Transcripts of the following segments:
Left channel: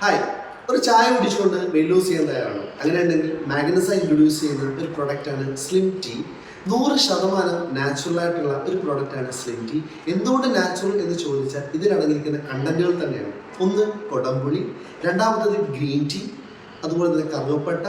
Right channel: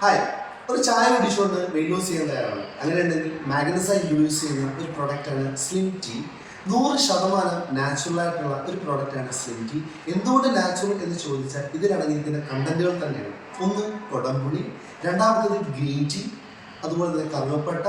Hi ഒരു ചായ കുടിച്ചുകൊണ്ട് wait loose ചെയ്യാൻ തയ്യാറാണ്. അങ്ങനെയുണ്ടെങ്കിൽ മാഗ്നസൈ ഇൻട്രൊഡ്യൂസ് ചെയ്യുന്ന ഒരു പ്രൊഡക്റ്റാണ് സ്ലിം ടീ നൂറ് ശതമാനം നാച്ചുറൽ ആയിട്ടുള്ള ഒരു പ്രൊഡക്റ്റാണ് സ്ലിം ടീ എന്തുകൊണ്ട് നാച്ചുറൽ എന്ന് ചോദിച്ചാൽ ഇതിലടങ്ങിയിരിക്കുന്ന കണ്ടന്റുകൾ തന്നെയാണ്. ഒന്ന് കൊടംപുളി രണ്ടാമത്തത് ഗ്രീൻ ടീ അതുപോലെ തന്നെ കറുവപ്പട്ട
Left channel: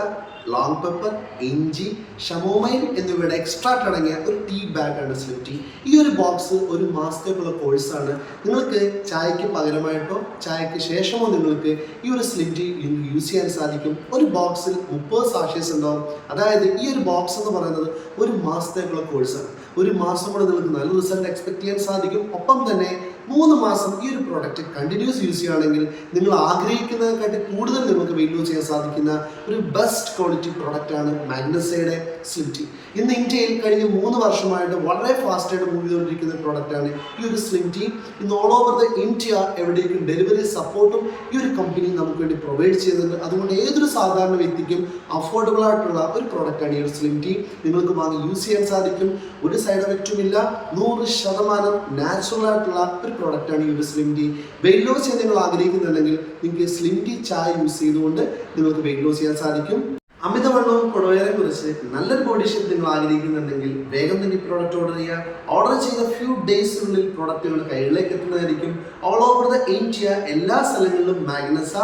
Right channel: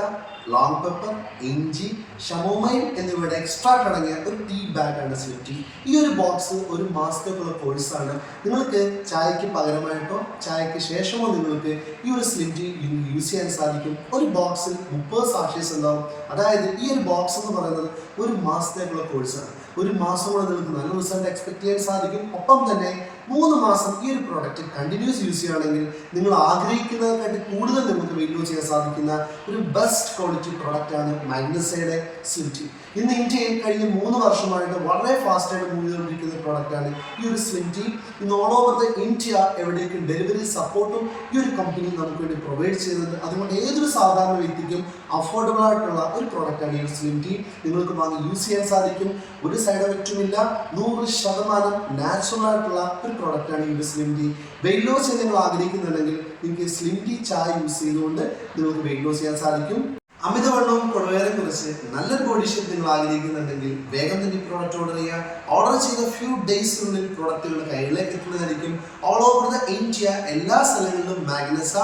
ലോങ് പെപ്പർ ഇഞ്ചി ഷമോമൈൻ എന്നിവയുടെ എക്സ്ട്രാക്ട് അടങ്ങിയ ഒരു ടീ ബാഗാണ് സ്ലിം ടീ ഈ ഒരു ബോക്സ് ഒരു മാസത്തേക്കുള്ള കോഴ്സാണ് നിങ്ങൾക്ക് ചായക്ക് പകരമായിട്ടോ ചായക്ക് ശേഷമോ നിങ്ങൾക്ക് ഈ ഒരു സ്ലിം ടീ യൂസ് ചെയ്യാൻ സാധിക്കും. ഒരു ബോക്സിൽ മുപ്പത് സാഷേസ് ഉണ്ടാവും. അതായത് ഈ ഒരു ബോക്സ് എന്ന് പറയുന്നത് ഒരു മാസത്തേക്കുള്ള കോഴ്സാണ് ഒരു മാസം കൊണ്ട് നിങ്ങൾക്ക് നല്ല റിസൾട്ട് എക്സ്പെക്ട് ചെയ്യാൻ സാധിക്കും. ഒപ്പം തന്നെ മൂന്ന് മാസം ഈ ഒരു പ്രോഡക്റ്റ് കണ്ടിന്യൂസ് യൂസ് ചെയ്യുകയാണെങ്കിൽ നിങ്ങൾ ആഗ്രഹിക്കുന്നതിനെക്കാട്ടി കൂടുതൽ നിങ്ങൾക്ക് വെയിറ്റ് ലോസ് ചെയ്യാൻ സാധിക്കുന്ന ഒരു ബെസ്റ്റ് ക്വാളിറ്റി പ്രോഡക്റ്റ് ആണ് മാഗ്നസയുടെ സ്ലിംറ്റി ഇന്ന് ഇന്ത്യയിൽ കഴിഞ്ഞ മൂന്ന് വർഷമായിട്ട് വളരെ ഫാസ്റ്റായിട്ട് മൂവ് ചെയ്തുകൊണ്ടിരിക്കുന്ന പ്രോഡക്റ്റ് ആണ് ഈ ഒരു സ്ലിംറ്റി ഇന്ന് ഓൾ ഓവർ ദ ഇന്ത്യ എവിടേക്കും ഡെലിവറി സപ്പോർട്ടും ഈ ഒരു കമ്പനി നമുക്ക് വേണ്ടി പ്രൊവൈഡ് ചെയ്യുന്നുണ്ട്. അതുകൊണ്ട് ഏതൊരു സാധാരണ വ്യക്തിക്കും അഫോർഡബിൾ ആയിട്ടുള്ള ഒരു പ്രോഡക്റ്റ് ആണ് ഈ ഒരു സ്ലിംറ്റി നിങ്ങൾക്ക് വാങ്ങി യൂസ് ചെയ്യാൻ സാധിക്കും. ഒരു സൈഡ് എഫക്റ്റും ഇല്ല. നൂറ് ശതമാനം നാച്ചുറൽ ആയിട്ടുള്ള ഒരു പ്രോഡക്റ്റ് ആണ് ഈ ഒരു സ്ലിം ടീ വെയിറ്റ് ലോസ് ചെയ്യാൻ നിങ്ങൾ ആഗ്രഹിക്കുന്നുണ്ടെങ്കിൽ നിങ്ങൾക്ക് സ്ലിം ചായ യൂസ് ചെയ്തുകൊണ്ട് നിങ്ങൾക്ക് വെയിറ്റ് ലോസ് ചെയ്യാൻ സാധിക്കും. അമിതവണ്ണവും കുടവേറെ കുറിച്ച് നല്ലൊരു ബോഡി ഷേപ്പ് നിങ്ങൾ ആഗ്രഹിക്കുന്നുണ്ടെങ്കിൽ വേഗം തന്നെ ഈ പ്രോഡക്റ്റ് ഓർഡർ ചെയ്യുക. ഓർഡർ ചെയ്ത ഫ്യൂ ഡേയ്സിനുള്ളിൽ പ്രോഡക്റ്റ് നിങ്ങളുടെ കയ്യിലേക്ക് എത്തുന്നതായിരിക്കും. ഓൾ ഓവർ ദ ഇന്ത്യ എല്ലാ സ്ഥലങ്ങളിലും മാഗ്നസ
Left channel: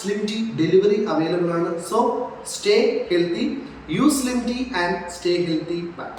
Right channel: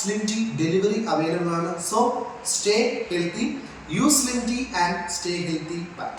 സ്ലിം ടീ ഡെലിവറി അവൈലബിൾ ആണ്. So stay healthy use slim tea and stay healthy bye